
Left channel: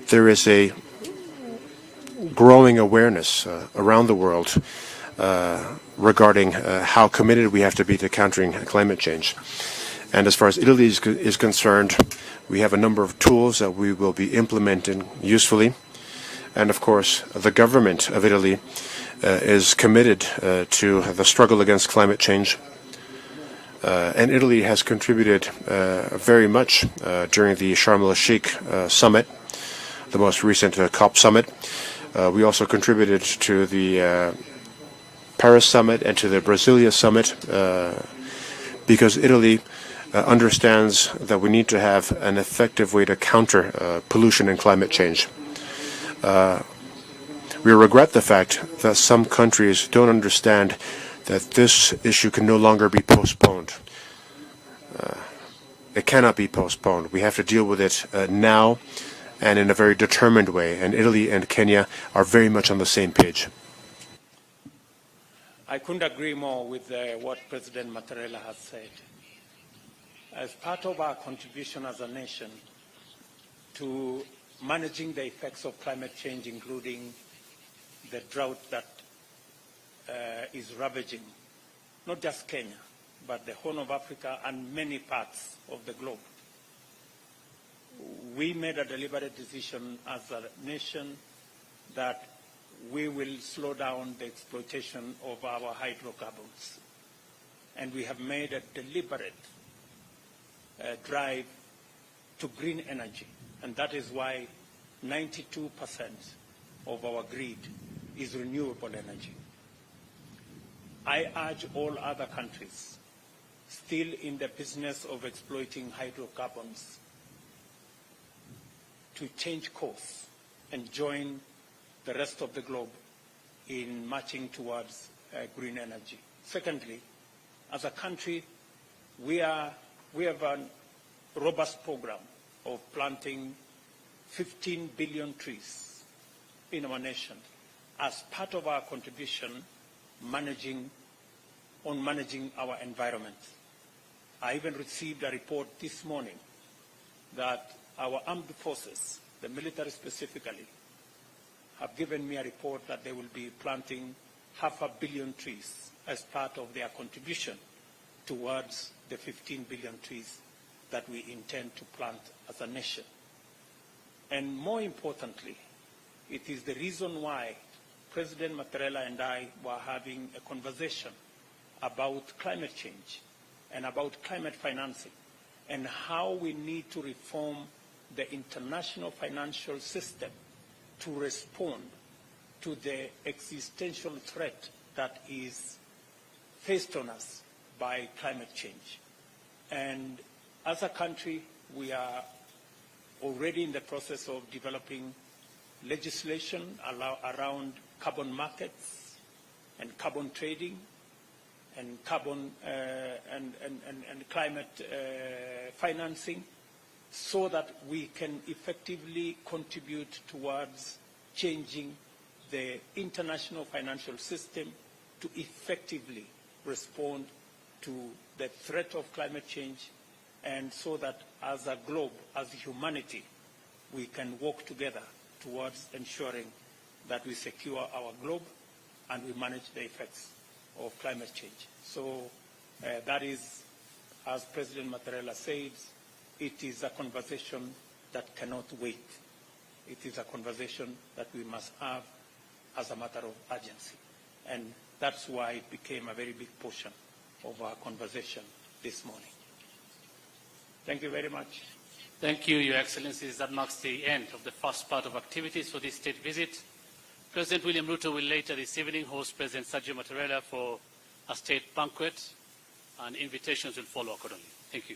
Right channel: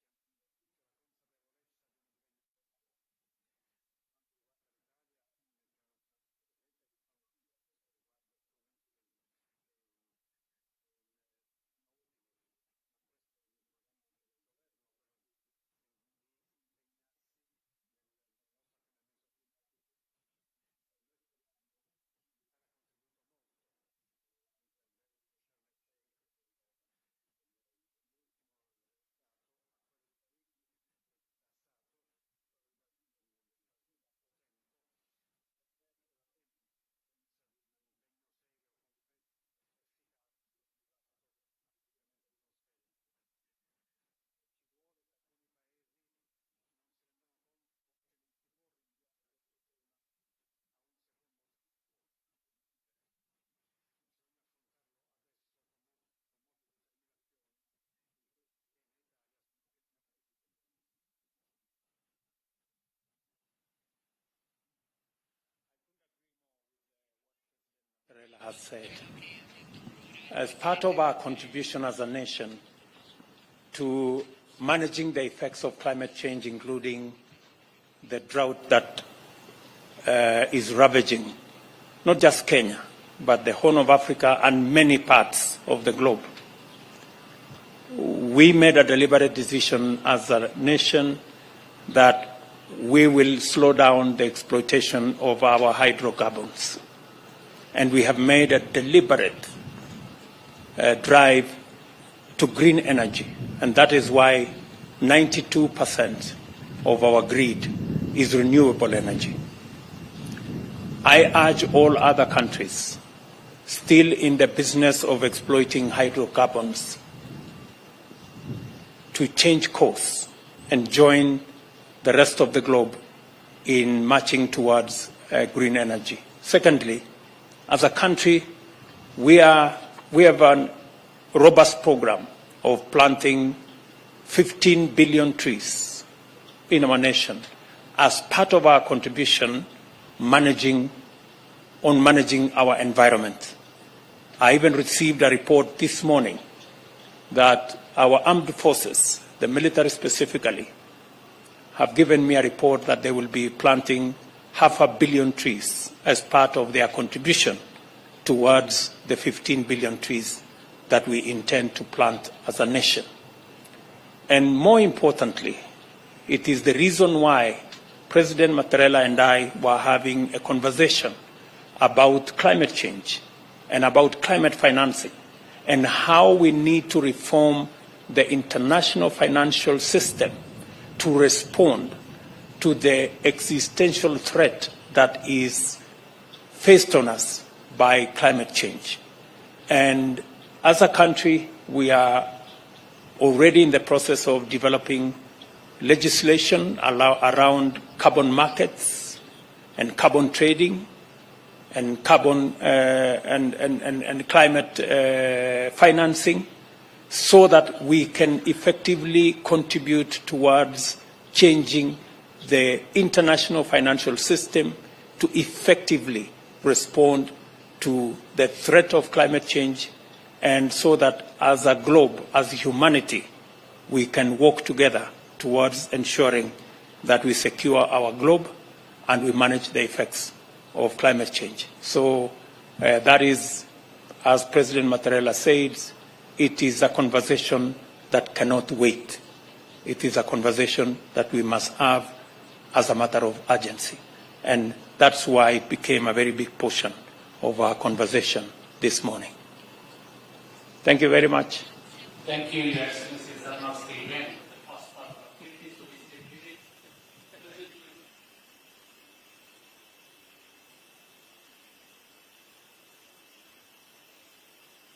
There is a growing awareness around the world regarding how committed we have to be to countering climate change. And as far as Italy is concerned, we have a number of tools that we will be implementing usefully. And of course, the government of Italy is committed to the struggle against climate change. And Italy has contributed very much during the Sharm el-Sheikh summit, the most recent COP summit. We also contributed to the Paris summit and to the Brasilia summit because Italy understands that we need to have an effective way to counter pollution and climate change. We regret the fact that some countries don't understand that this issue can no longer be postponed. It cannot be postponed. We have to deal with it now and in a very determined way, and Italy and Kenya are very much on the same page. I couldn't agree more with what President Mattarella has said. As part of our contribution as a nation to managing the effects of climate change, including the drought that is ravaging not just Kenya, but the Horn of Africa and many parts of the globe, we made a deliberate decision as a nation that we will slow down the exploitation of our hydrocarbons. And we have made a deliberate drive to green energy. And that is why 92% of our grid is renewable energy. I urge all other countries still in the business of exploiting hydrocarbons to change course and join the rest of the globe in marching towards green energy. Secondly, as a country, we have a robust program of planting 15 billion trees in our nation as part of our contribution managing our environment. I even received a report this morning that our armed forces, the military specifically, have given me a report that they will be planting 500 million trees as part of their contribution towards the 15 billion trees that we intend to plant as a nation. And more importantly, it is the reason why President Mattarella and I were having a conversation about climate change and about climate financing and how we need to reform the international financial system to respond to the existential threat that is faced on us by climate change. And as a country, we are already in the process of developing legislation around carbon markets and carbon trading and carbon and climate financing, so that we can effectively contribute towards changing the international financial system to effectively respond to the threat of climate change, and so that as a globe, as humanity, we can work together towards ensuring that we secure our globe and we manage the effects of climate change. So that is, as President Mattarella said, it is a conversation that cannot wait. It is a conversation that we must have as a matter of urgency. And that's why it became a very big portion of our conversation this morning. Thank you very much. Thank you, Your Excellencies. That marks the end of the first part of activities for this state visit. President William Ruto will later this evening host President Sergio Mattarella for a state banquet, and invitations will follow accordingly. Thank you.